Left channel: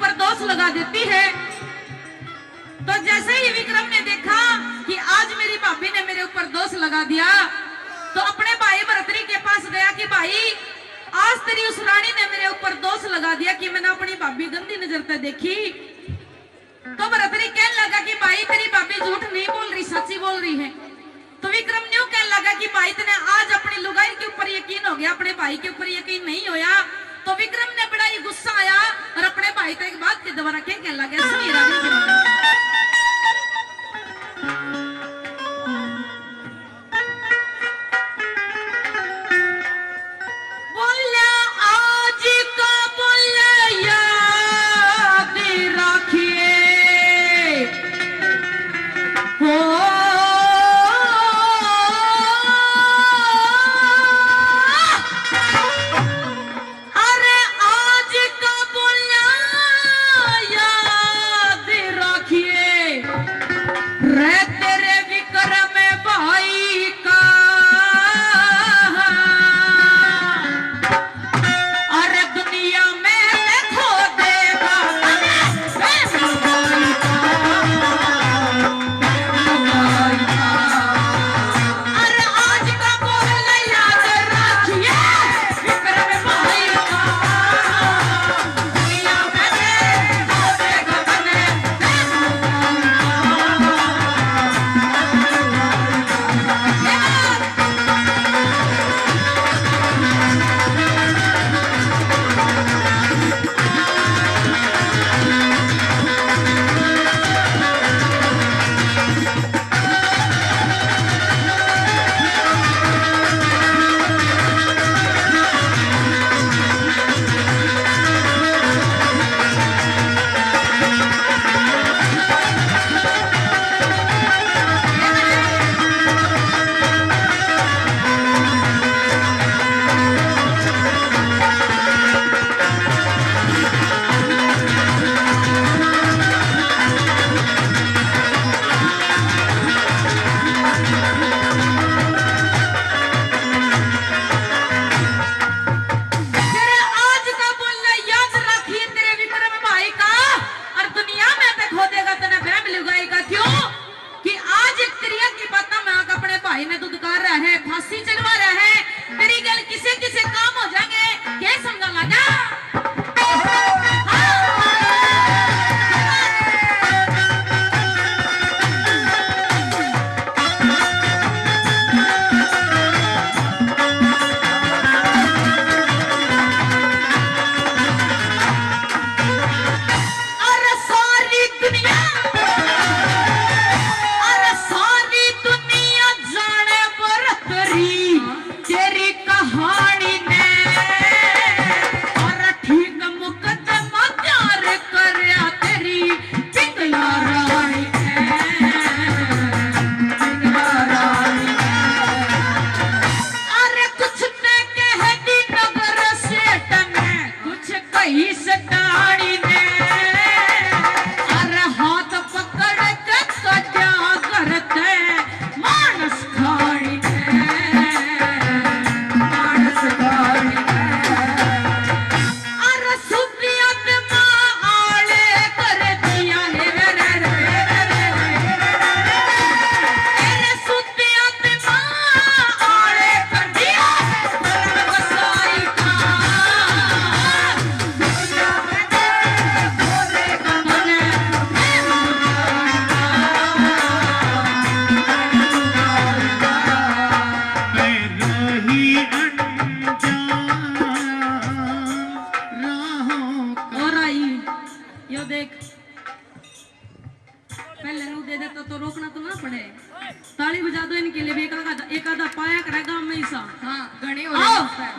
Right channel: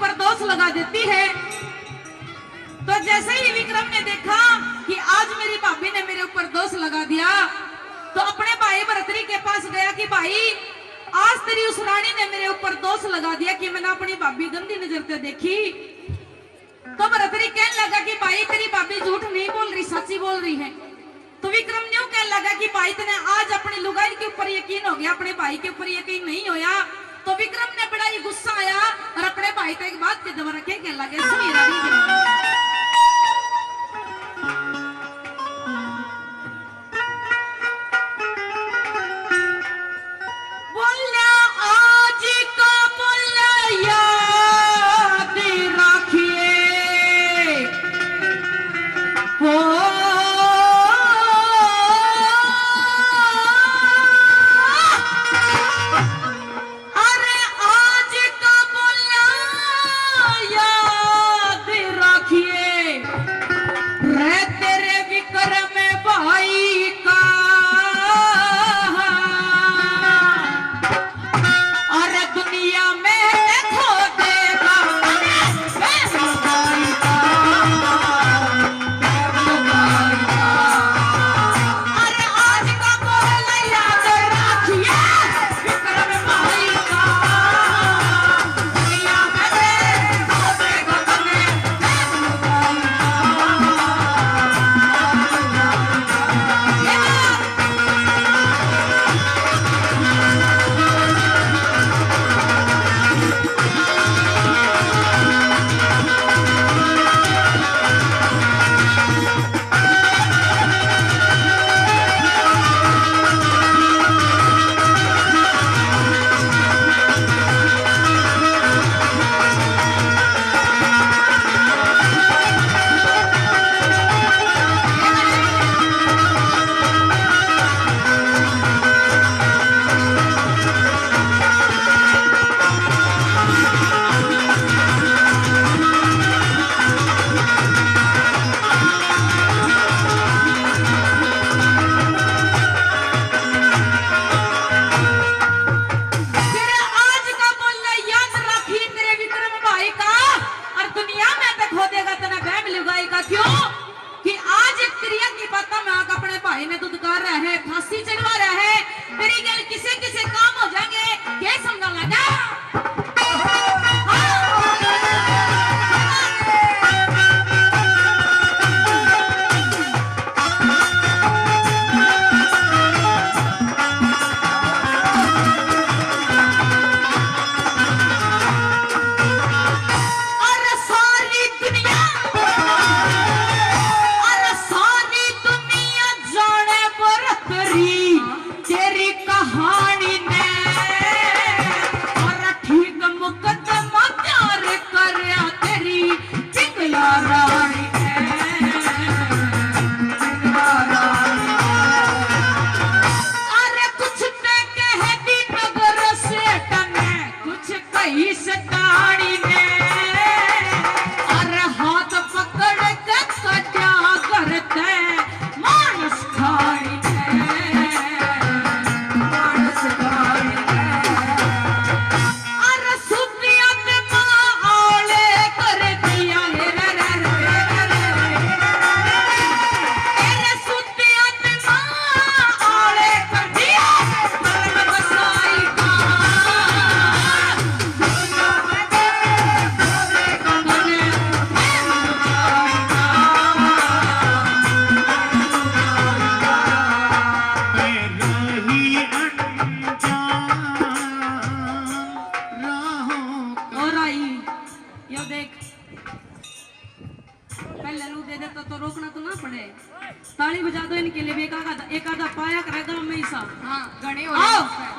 ऊपर दोष लगा देती है। तो जैसे ही विक्रम ने देखा कि आज मेरी भाभी ने मेरे ऊपर दोष लगा दिया, तो अपने भाई भरतरी के पास गया कि भाई आज तेरी उस रानी ने मेरे ऊपर दोष लगा दिया कि मैंने अपनी भाभी गंदी नजर से देखी। तो भरतरी कहने लगा कि भाई तेरी भाभी झूठ नहीं बोल रही, सच्ची बोल रही है। तो विक्रम न्यू कहने लगा कि भाई तेने आज अपनी लुगाई के ऊपर यकीन हो गया, अपने भाई के ऊपर यकीन नहीं होया। तो विक्रम ने बड़ा ही गुस्सा आया और अपने भाई तक एक बात के दोबारा क्या कहने लगे, सुनिए।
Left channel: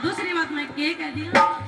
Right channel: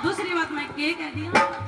दूसरी बात मैं के कह दिया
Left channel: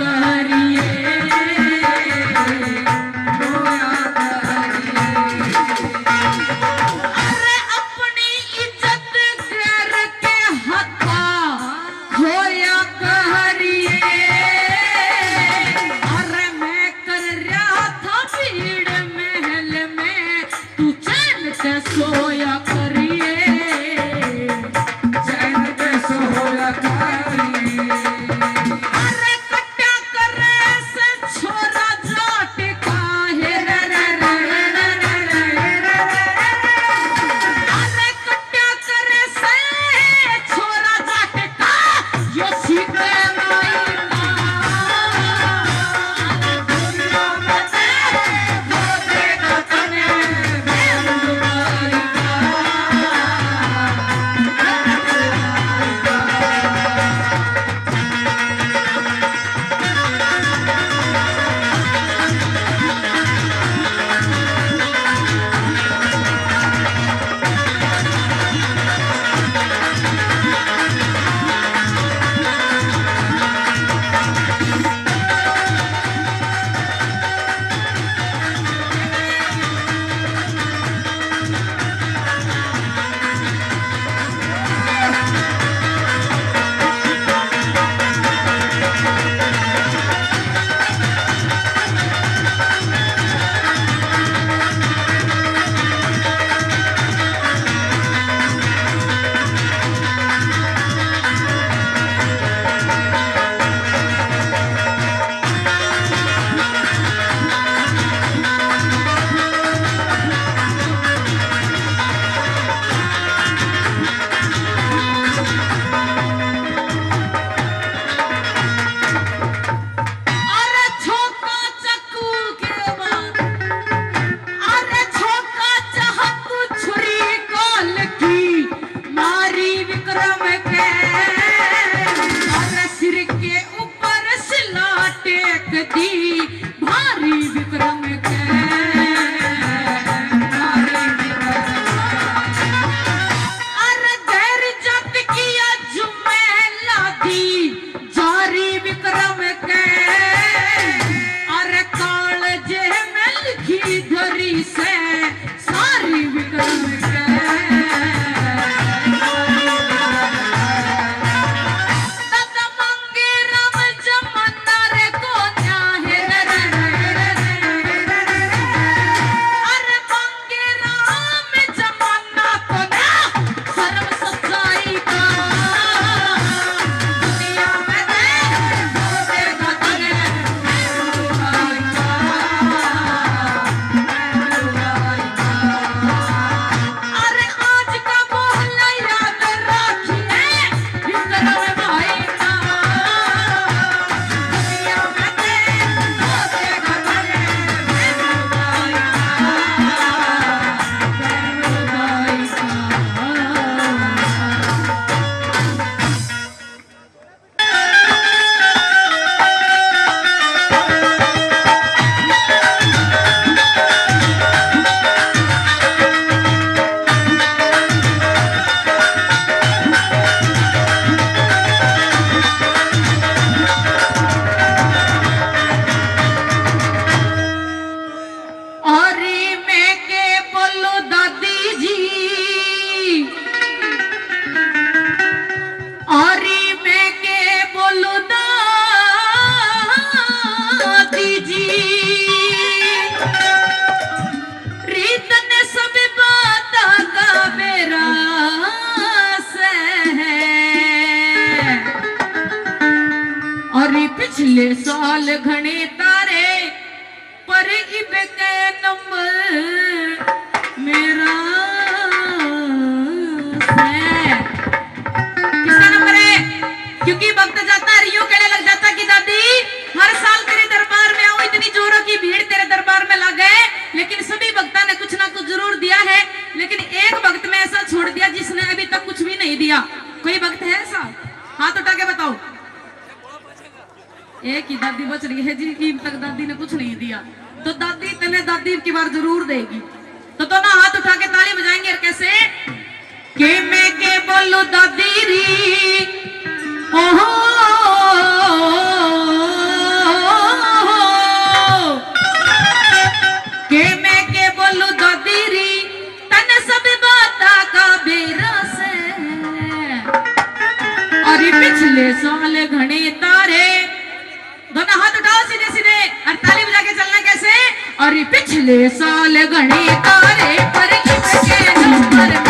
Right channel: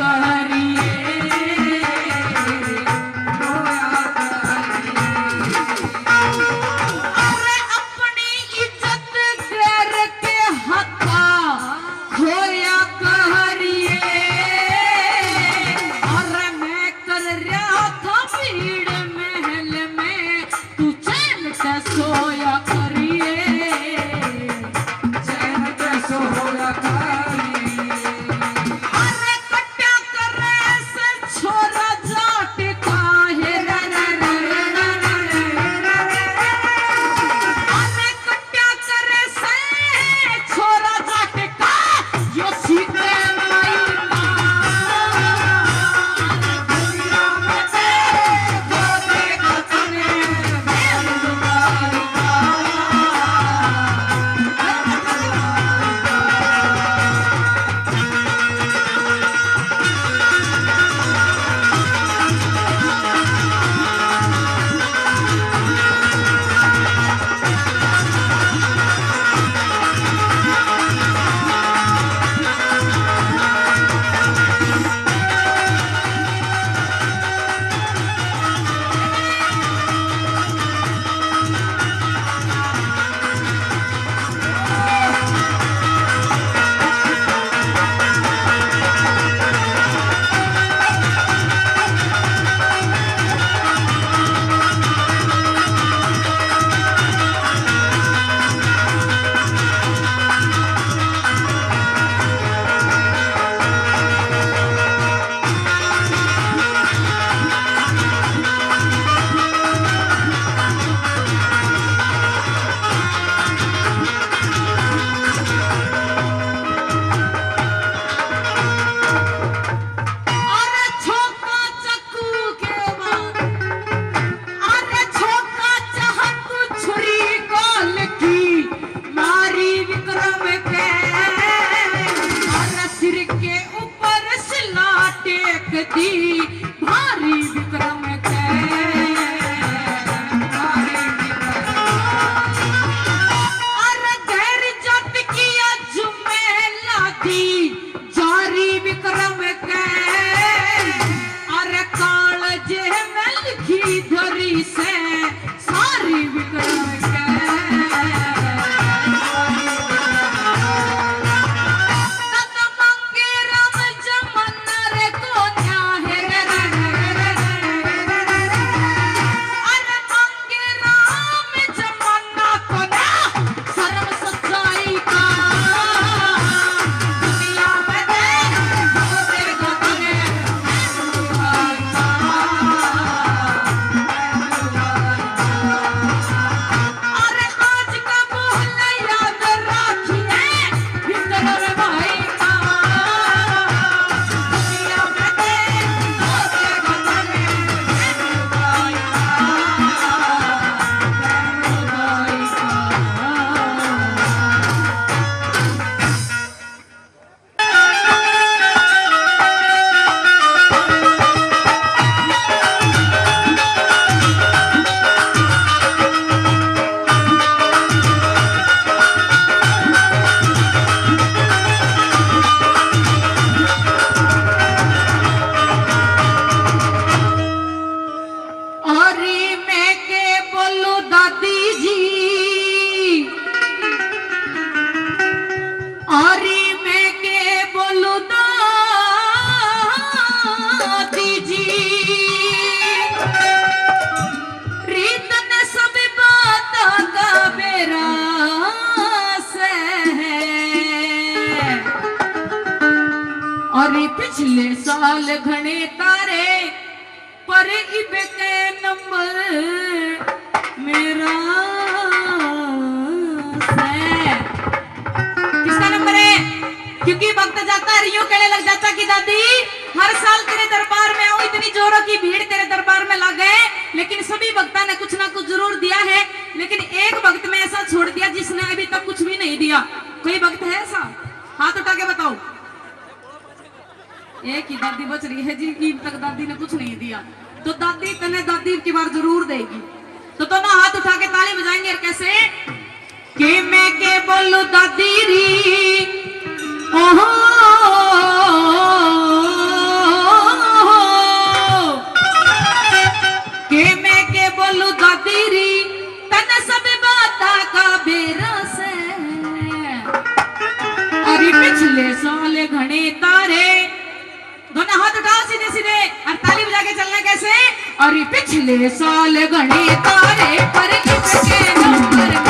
करिए, अरे अपनी इज्जत गैर के हथा होया करिए, अरे मैं कर रहा था भीड़ महल में तू चैन से सोया करिए, चैन के सोया करिए। अरे कट्टा करे से छोरा जाट काहे रे रे रे रे रे रे रे रे। अरे कट्टा करे से छोरा जाट का यो सीते लाई दुनिया में से गोरे का तने बेंदुआरी अरे छोका चक्कू के बाद, अरे छोका चाहत छुरी काल की मारी विक्रम के, अरे सिर के ऊपर सिला टेक दी भारी विक्रम के, भारी अरे धैर जत किया जुमेला दी जारी विक्रम के, अरे काल जे में लिखी धरी से सारी विक्रम के, तत मंगे राम जमना रे कोन्या है रे रे रे रे रे रे रे रे। अरे मंगे राम जमना कोन्या सर्व सच्चाई का दुनिया में दे गोरे गतने अरे आज का मोहल्ला याद रखिए विक्रम भाई का दुनिया में दे गोरे गतने भाई अरे मैं के बोलो दादी जी, अरे मैं के बोलो दादी जी, रीत ने सब बात का मेरा से है, अरे पिछले साल घने तारे पर इब के नंबर मेरा से। किसका नंबर है? क्योंकि वक्त जाता रियो कहने लग जाता कि दादी हर साल तेरे दरबार में आऊं, इतनी जोरों की भीड़ तेरे दरबार में लग गए, लेकिन सभी भक्ता ने कुछ ना कुछ जरूर दिया है, लेकिन एक भक्त में ऐसा छोड़ दिया जिसने अभी तक कुछ भी नहीं दिया। कोई भक्त है ऐसा? हाथ उठा के बताओ। एक ही दादी बच रही है जिनकी तक दादी ने कुछ नहीं दिया, तो दादी पहले दादी की बार जरूर देगी। तो ना हाथ उठा के ताली बजाएंगे। और कैसे के मैं के बोलू दादी री, ओहो पिछले साल घने तारे, दोनों हाथ उठाओ सीधे सीधे और ताली बजा के चलना कैसे। अरे पिछले साल घने तारे पर किसके नंबर मेरा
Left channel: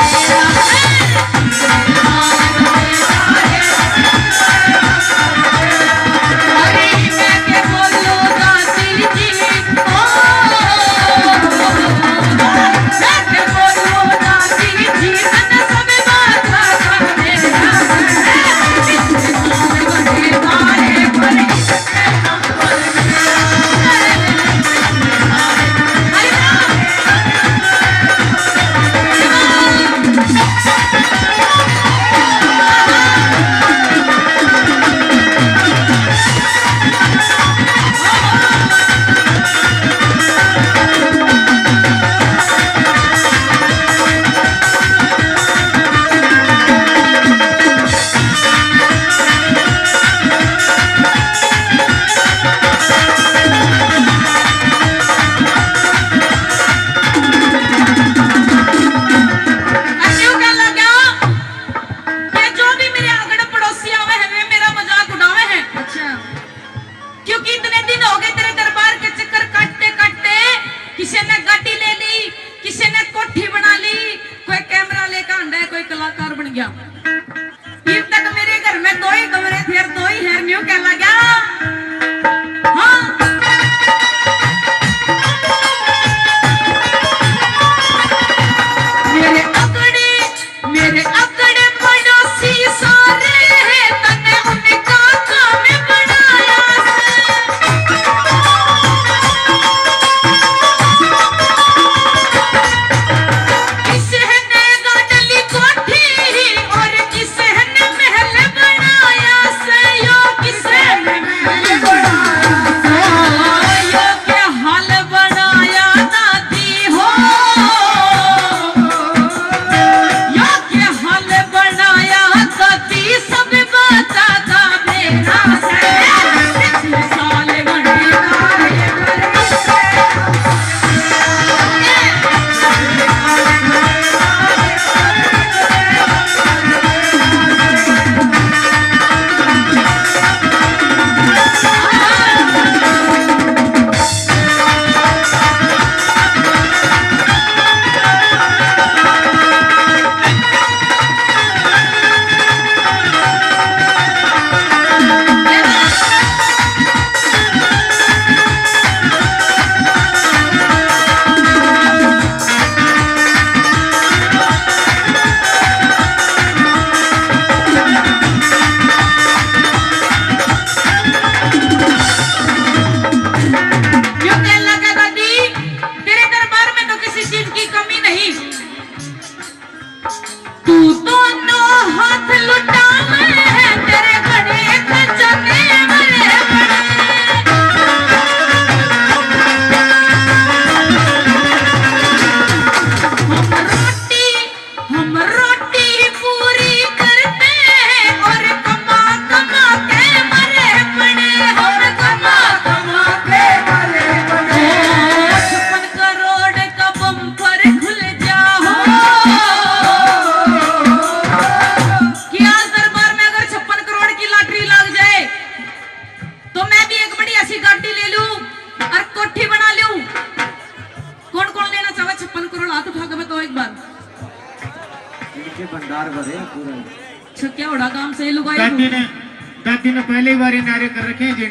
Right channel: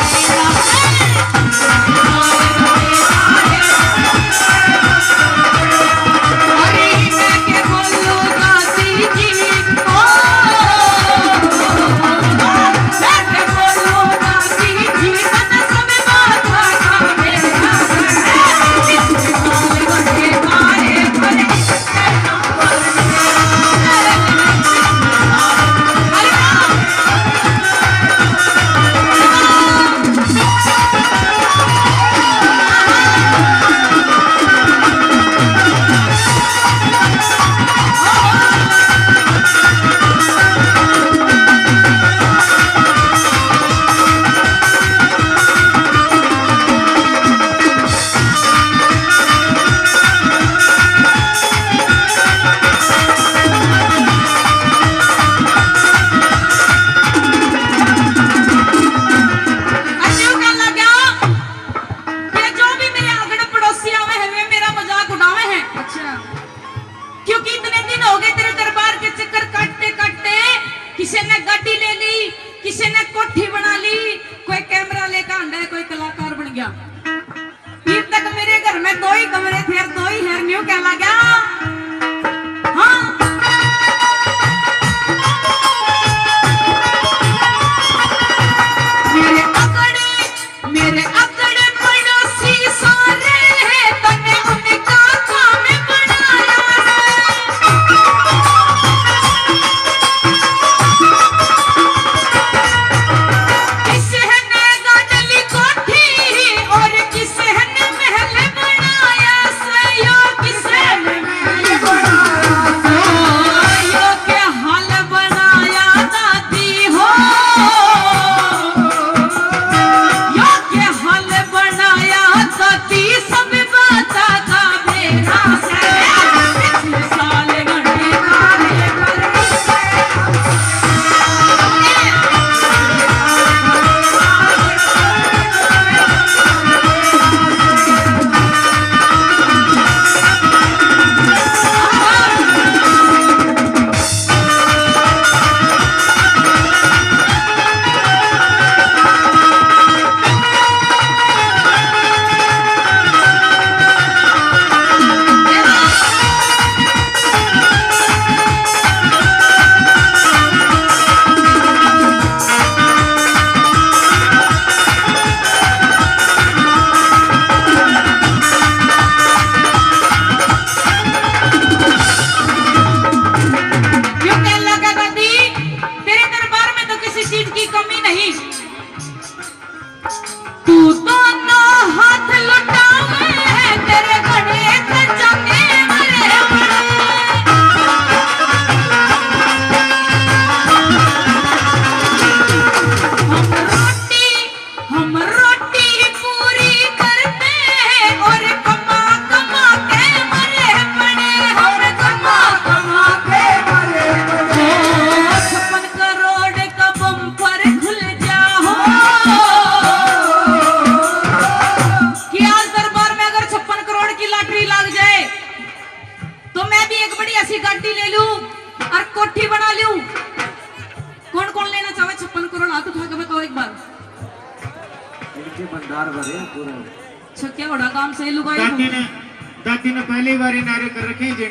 क्या बड़ा काम से लुगाई दादी ने पहले बार नारे कर रखे हैं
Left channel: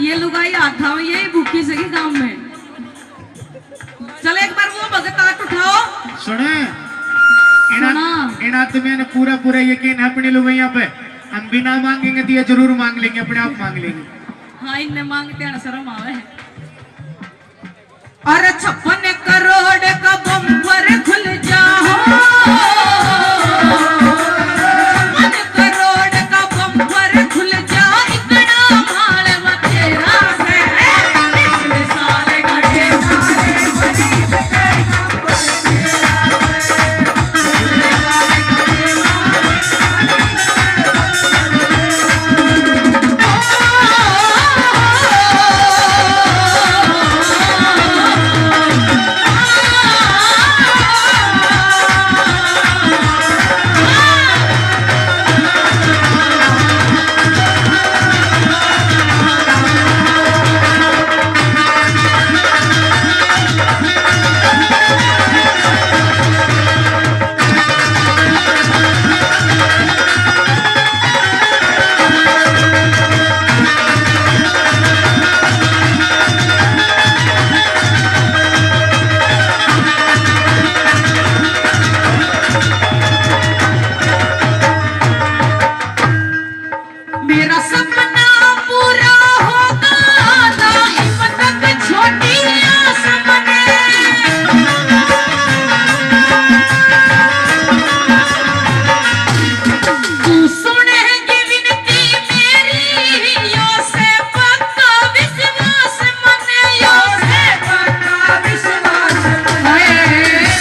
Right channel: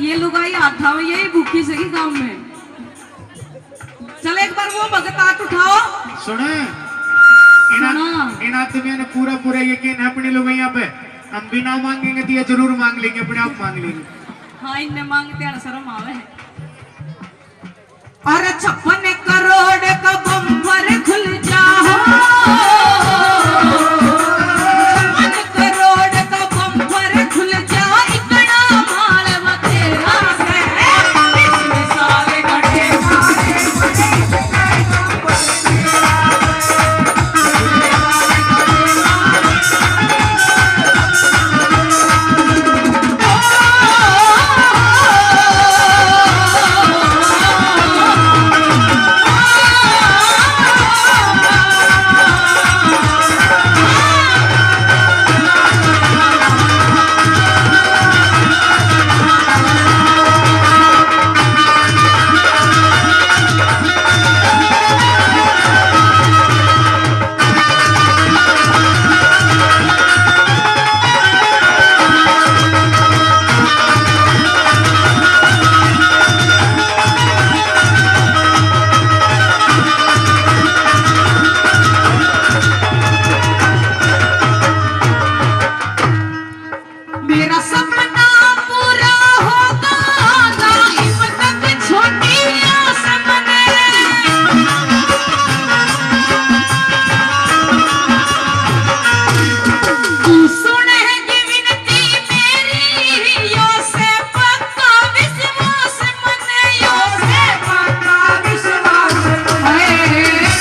ये लुगाई हाथ उठाओ, यही भूखी सकी गांव में। चलो एक बार वो भगत हाथ उठाओ। सुने इना तुम्हें पूरा पूरा यकीन है अपनी लुगाइया पे। हम बिना मांगेंगे तो ये जरूर मांग लेंगे, अपने आप मांग लेंगे। हाँ इनने मांगते हैं शर्म आवे। और 56 करोड़ का बम्पर खुल जाओ, 56 करोड़ का बम्पर खुल जाओ, इतना माल तेरा है। पिछले साल घटे मेरा सपना पूरा होगा ना हिम्मत छोटी आस बने तू सुनेगी विनती मेरी यो से पक्का विश्वास मने यो से पक्का विश्वास मने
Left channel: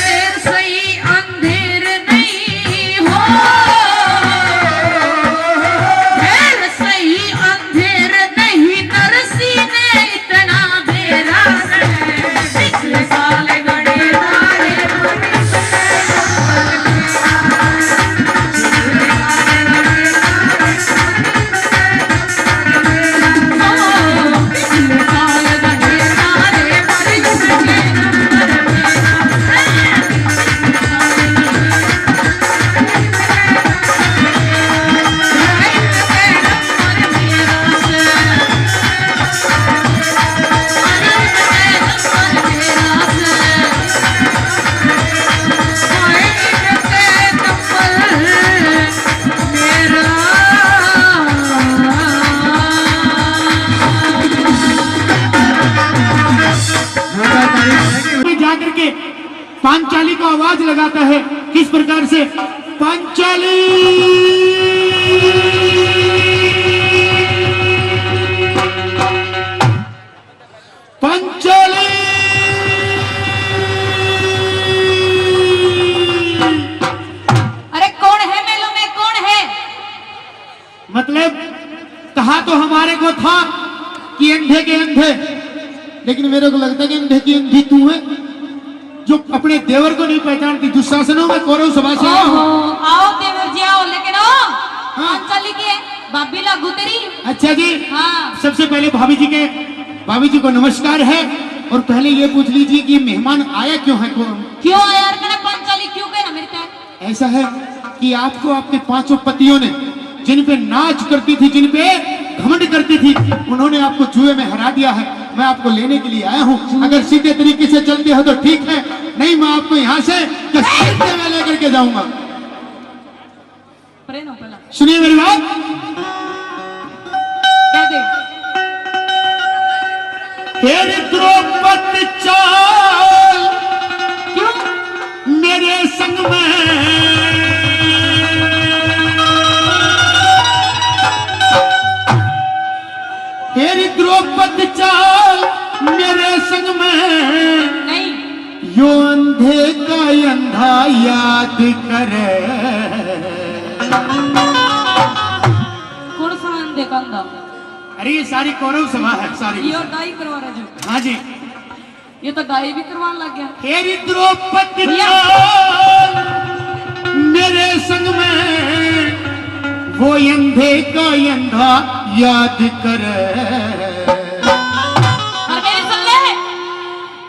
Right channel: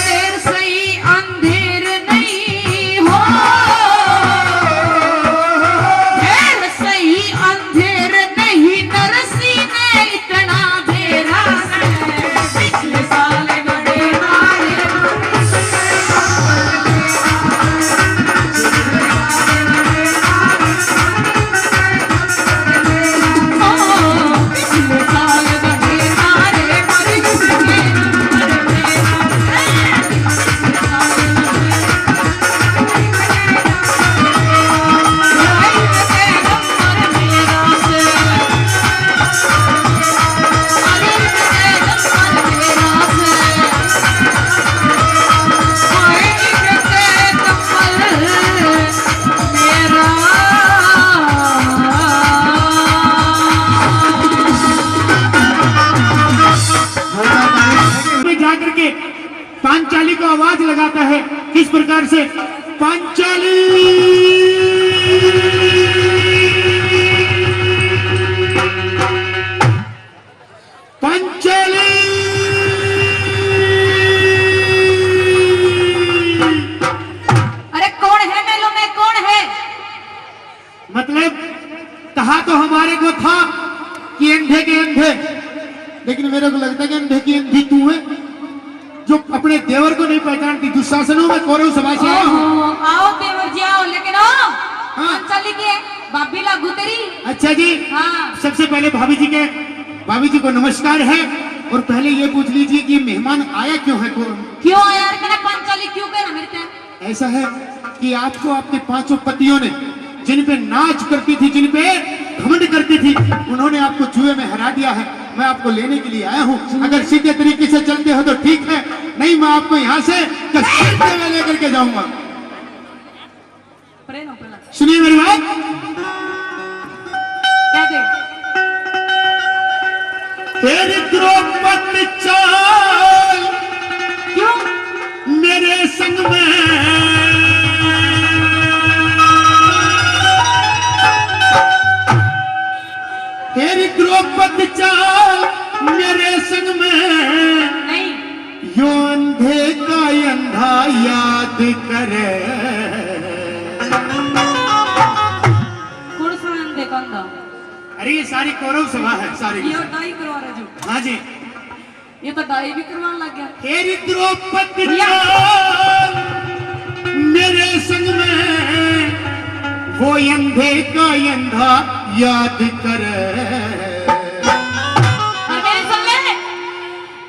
देर सही अंधेर नहीं हो देर सही अंधेर नहीं नरसी ने इतना घेरा से पिछले साल गड़े में जाकर के पांचाली को आवाज लगाता है किस प्रकार से पांचाली पांचाली अरे कौन है मेलों में कौन है मतलब कहा तो हमारे को था कि अंधे के अंधे लेकिन मेरे को लगता है कि अंधे की अंधी तू है जो अपने देवर को नहीं पहचानती दुशासनों में कौरव सभा से आया हूं। आओ देवर जी आओ लेकिन पांचाली की है भाभी लागू तेरी अच्छा जी हाँ सबसे पहले भाभी जी को नमस्कार है और पहले ये पूछ लीजिए कि मेहमान आया क्यों है कौन क्यों आया यार कहना पांचाली क्यों कहना मेरे पे ऐसा है कि आपको आपके पांचों पतियों ने जिन पे नाच करती थी जिन पे घमंड करती थी उन्होंने आपको जुए में हरा दिया है मैं आपको लेने के लिए आया हूँ अगर सीधे तरीके से चलते हो तो ठीक है नहीं मैं आपको यहाँ से घसीटते हुए लेकर के जाऊंगा सुनिए मेरी बात क्या दे तेरी द्रौपदी चाल क्यों मेरे संग में तेरी द्रौपदी चाल मेरे संग में नहीं यो अंधे का अंधा याद करे कौन सा अंधे का अंधा अरे ये सारी कौरव सभा है सारी ये डाई करवा रहे जो हाँ जी ये तो डाई भी करवाने लग गया तेरी द्रौपदी चाल मेरे संग में वो अंधे का अंधा याद करे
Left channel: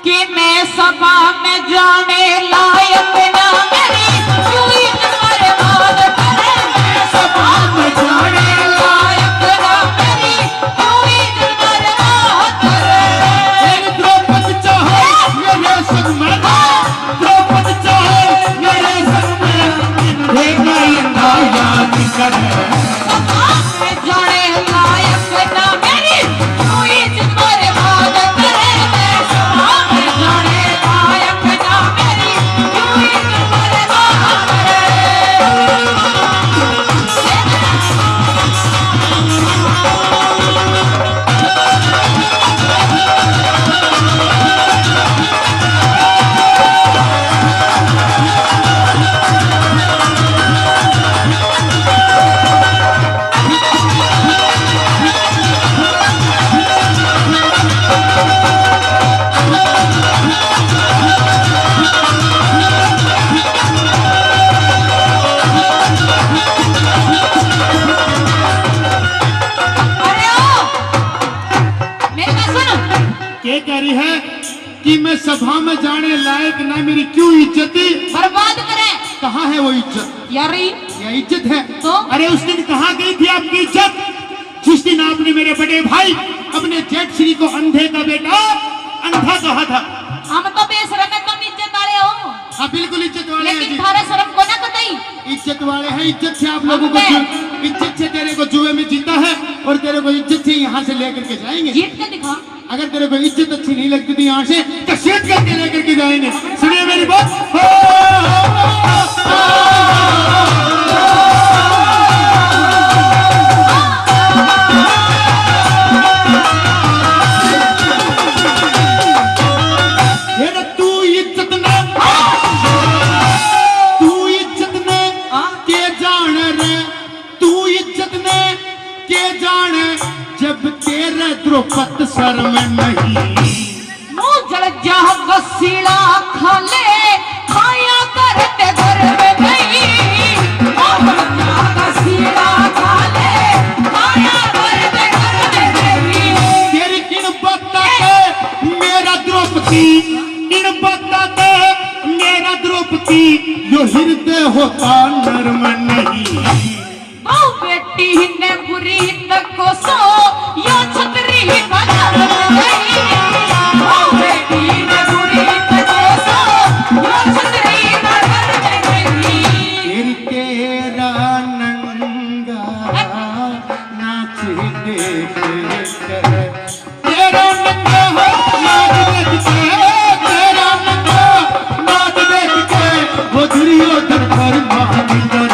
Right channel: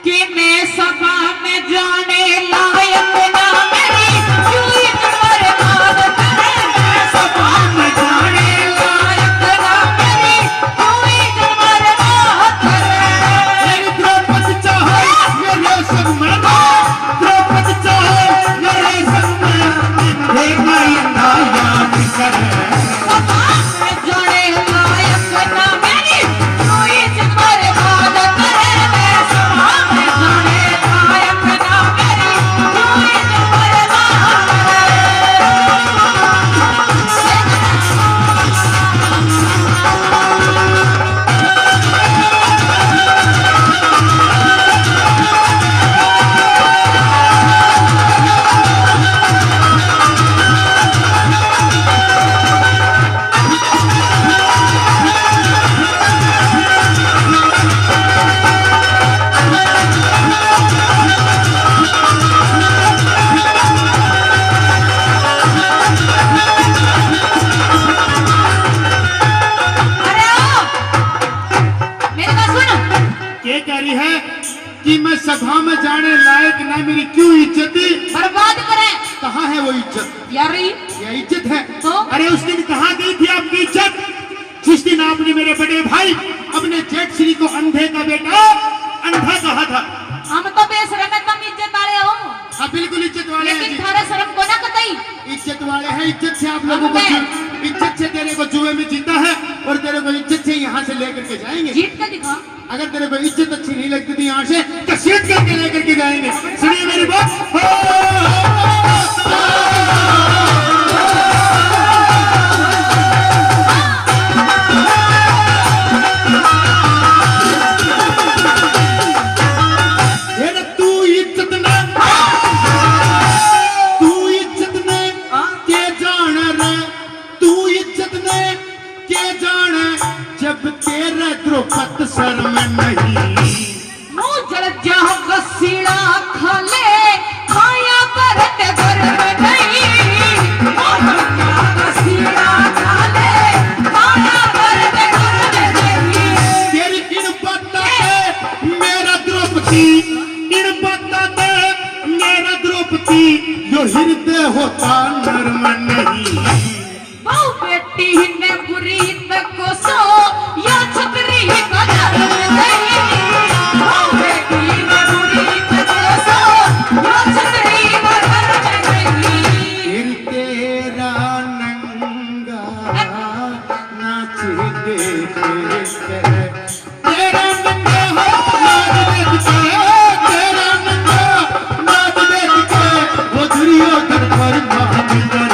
कि मैं सभा में जाने लायक ना मेरी चुई बर्बाद करे मैं सभा में जाने लायक ना मेरी चुई बर्बाद करे द्रौपदी चाहे मेरे संग में द्रौपदी चाहे मेरे संग में देखा अंधा याद करे सभा में जाने लायक ना मेरी चुई बर्बाद करे मैं सभा में जाने लायक ना मेरी चुई बर्बाद अरे ओ मेरे पास सुन ये कह रही है कि मैं सभा में जाने लायक ना मेरी क्यों इज्जत बर्बाद करें कहाँ है वो इज्जत यार ये इज्जत है तो? अरे उस दिन कहाँ गई थी आपकी इज्जत जिस दिन आपने मेरे बड़े भाई अपने जेठ श्री को अंधे का बेटा अंधा कहा था हम तो बेशरम एकदम इज्जत वाले हो हाँ बिल्कुल इज्जत वाले हैं लेकिन जी। थारा शर्म को ना कतई इज्जत वाले हैं इज्जत से आप लोगों को इज्जत से तेरे को को जुए में जीता है और तेरे को इज्जत से यहाँ से लेकर के जाएंगे। जीत के दिखा। अगर तेरे को इज्जत अच्छी नहीं लगती थी यहाँ से तो सीट करके लेकर के जाएंगे। सुनिए मेरी बात। जब तेरे द्रौपद शर्म नहीं मुँह जल जा वसीला खा ले खाया करते घर में नहीं। मुँह जल जा वसीला खा ले खाया करते घर में नहीं। तेरी इन बातों पे मेरा द्रौपदी, इन बातों पे मेरा द्रौपदी यो हृदय होता नर्म नहीं। बहु बेटी ने बुरी न को सो यो छतरी बदल गई। बहु बेटी ने बुरी न को सो यो छतरी बदल गई। तेरा नंगा नाच देख कर, तेरा नंगा नाच देख कर, तेरा नंगा नाच देख कर वो दुर्योधन पर महाविंदर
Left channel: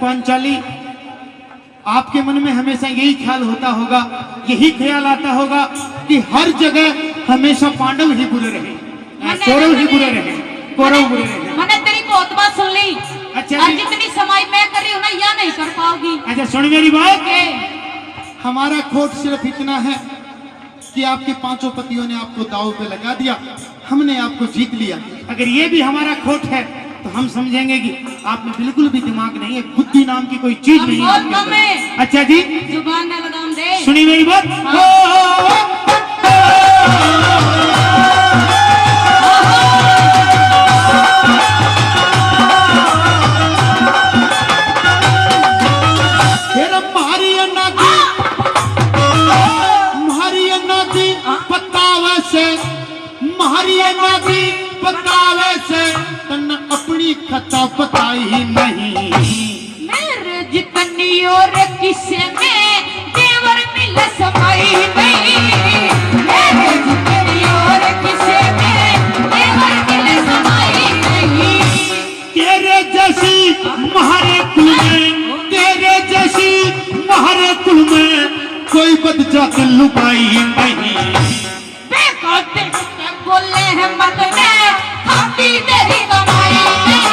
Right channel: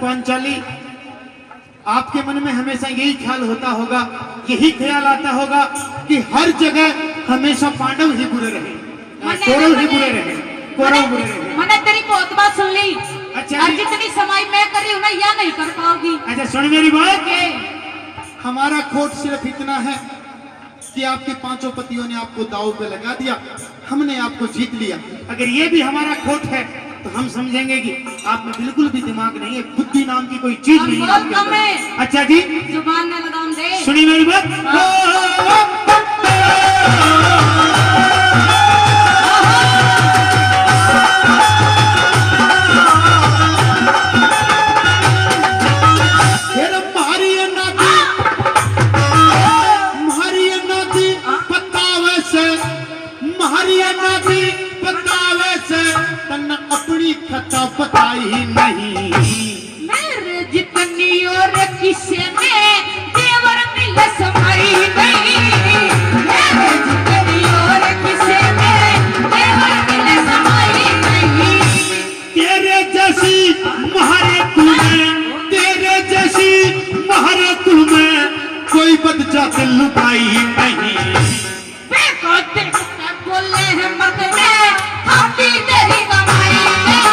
पांचाली। आपके मन में हमेशा यही ख्याल होता होगा, यही ख्याल आता होगा कि हर जगह हमेशा पांडव ही बुरे रहे, कौरव ही बुरे रहे, कौरव बुरे रहे। मैंने तेरी बहुत बात सुन ली। अच्छा आज जितनी समाई मैं करी हूँ ना या नहीं कर पाओगी। अच्छा सुन मेरी बात। हमारा खोट सिर्फ इतना है कि आपके पांचों पतियों ने आपको दांव पे लगा दिया, हमने आपको जीत लिया। अगर ये भी हमारा खोट है तो हम समझेंगे कि आप में बिल्कुल भी दिमाग नहीं है, बुद्धि नाम की कोई चीज नहीं है आपके अंदर। अच्छा जी जुबान में लगाम दे। सुनी मेरी बात। अपनी खता बताई नहीं मेरे जितनी और किसे में देवर मिल समाई गई। मेरे जितनी और किसे में देवर मिल समाई गई। तेरे जैसी महारे कुल में, तेरे जैसी महारे कुल में कोई बच्चा दिल लुकाई नहीं। देखो देखते बोले हैं मत ने खाती तेरी कमाई नहीं।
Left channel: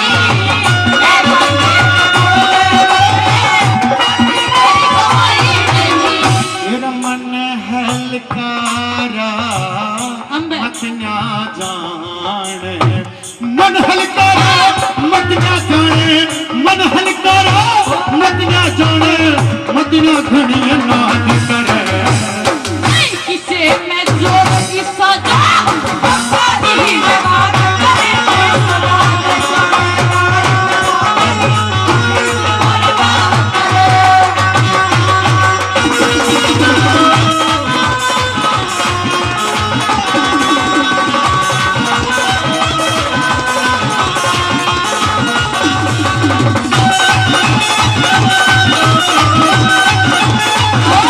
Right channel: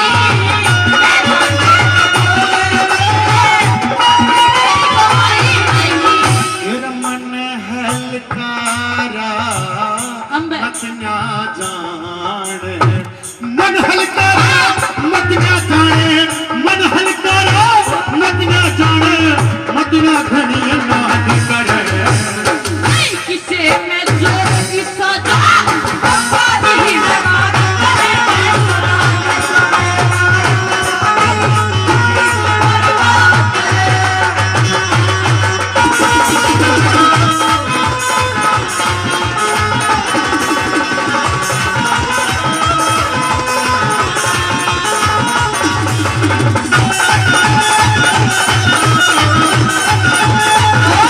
तेरा मन हलकारा मत ना जान, मन हलकारा मत ना जाने, मन हलकारा मत ना जाने, मत ना घड़िया ना कर किसे मैं जोर की सजा ही Oh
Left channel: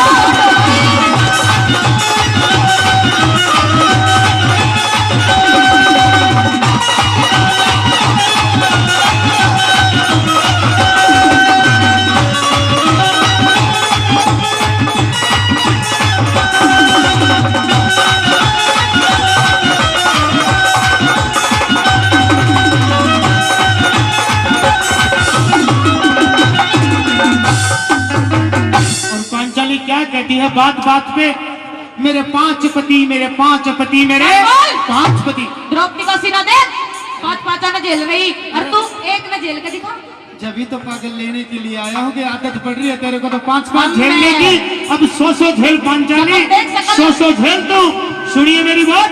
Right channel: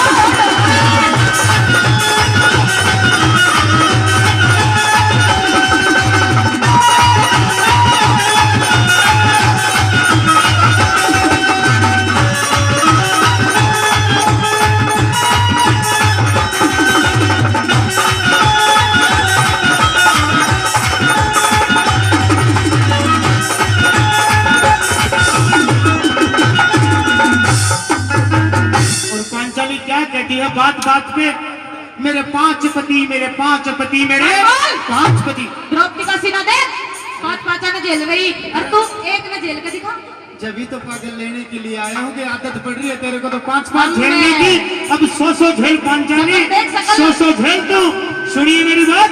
है बात बात पे। मेरे 5 पति, मेरे 5 पति, मेरे 5 पति। द्रौपदी का सीना देख, 5 ने झेल रही और तू एक ने झेल के दिखा। जब ही तो पागल लेने के लिए आया हो, आदत पड़ रही है तेरे को तो 5 झेलने की। अब 100 झेल पांचाली, 100 झेल। तो सुनिए मेरी बात।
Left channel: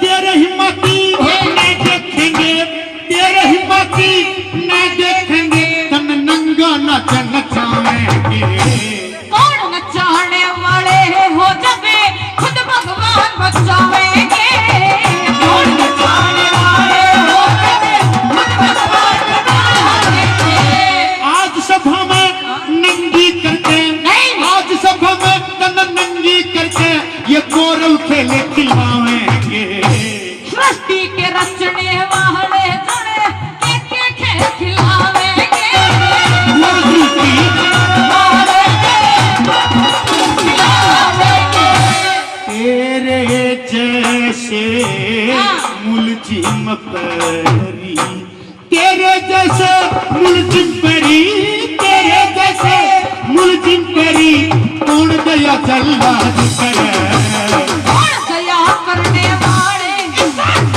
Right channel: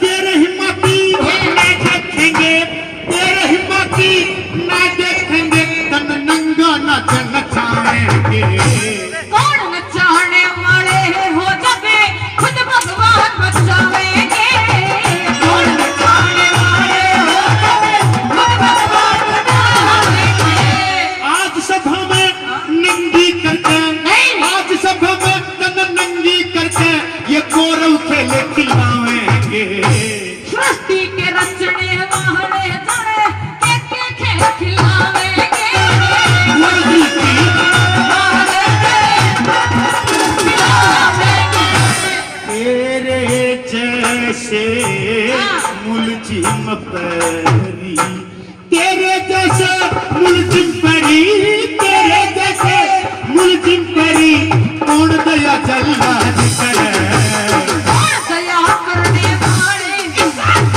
तेरे हिम्मती मैं देखेंगे, तेरे हिम्मती मैं देखेंगे, तन नंगा नाच नचाएंगे। कौन नचाने वाले हो जब खुद भगवान बचावेंगे। कौन नचाने वाले हो जब खुद भगवान बचावेंगे। आज सभा में नंगी करके, आज सभा में तन नंगी करके ये कौरव खेले खिलाएंगे। सृष्टि के रचने वाले जड़े एक खेल खिलावेंगे। मुर्गी की तेरे जैसे मुलजिम परी, तेरे जैसे मुलजिम परी, तेरे जैसे मुलजिम परी कौन दया जल्लाद करे। कौन दया करने वाले की जान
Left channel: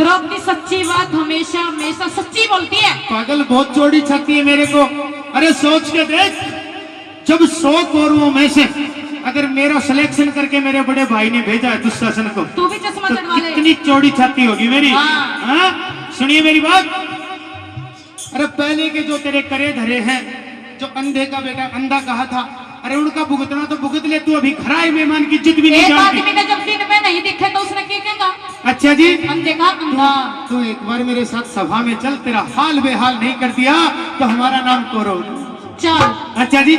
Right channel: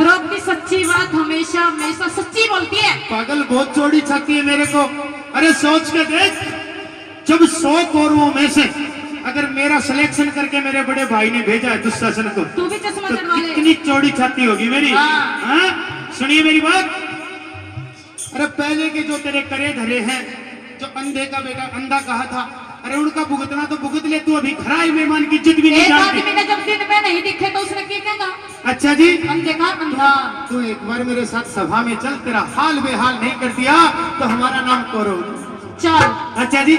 द्रौपदी सच्ची बात हमेशा हमेशा सच्ची बोलती है। पागल बहुत चौड़ी छाती है मेरे को। अरे सोच के देख, जब 100 कौरवों में से अगर मेरा सिलेक्शन करके मेरे बड़े भाई ने भेजा है दुशासन को, तू भी चश्मा तो चढ़वा ले। कितनी चौड़ी छाती होगी मेरी। हाँ। हाँ? सुनिए मेरी बात। अरे पहले के जो तेरे करे धरे हैं, जो अंधे का बेटा अंधा कहा था, अरे उनका भुगतना तो भुगत ले। तू अभी खरा है, मेहमान की इज्जत भी नहीं एक जानती। आदमी ने जब दिन में नहीं दिखे तो उसने क्या कहा? अच्छा जी, अंधे का अंधा। तू एक बार मेरे साथ सभा में चल, तेरा हाल बेहाल नहीं कर दिया तो हमारा नाम कौरव। चल। अच्छा जी।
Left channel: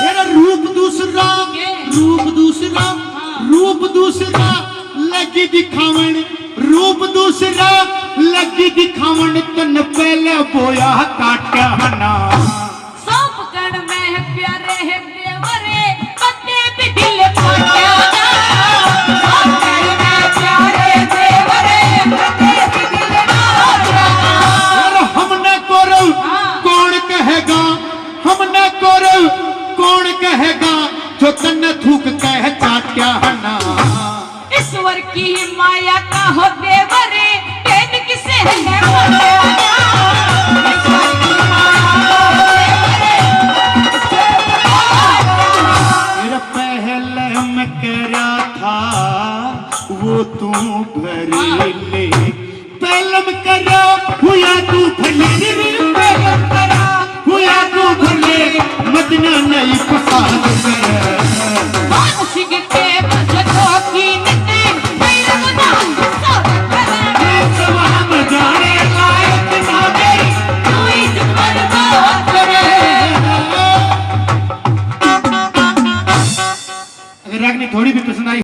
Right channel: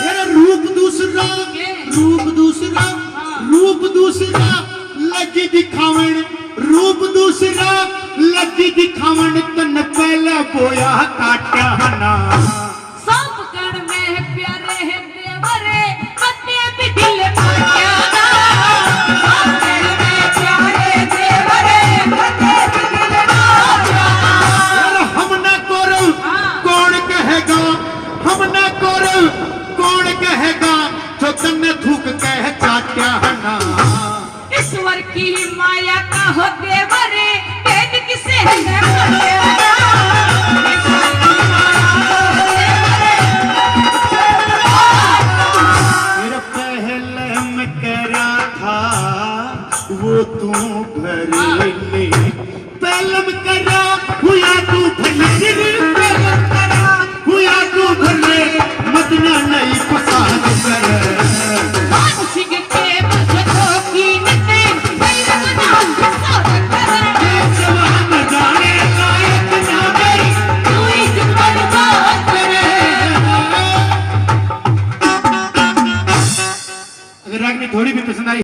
मेरा रूप दूसरा, रूप दूसरा, रूप दूसरा लगी दिखावन, रूप दूसरा लगी दिखावन, तन पहले बोया काट्या ना। सब कण में प्यारे है देवरे, कटे भी दिल काट्या ना। सब कण में प्यारे देवरे, कटे भी दिल काट्या ना। हमने कौरव कौन कहेगा, हमने कौरव कौन कहेगा, जो तन्ने थूक कह चाट्या ना। ईश्वर की माया का हो देवरे, प्रेम किसे है बोले ना।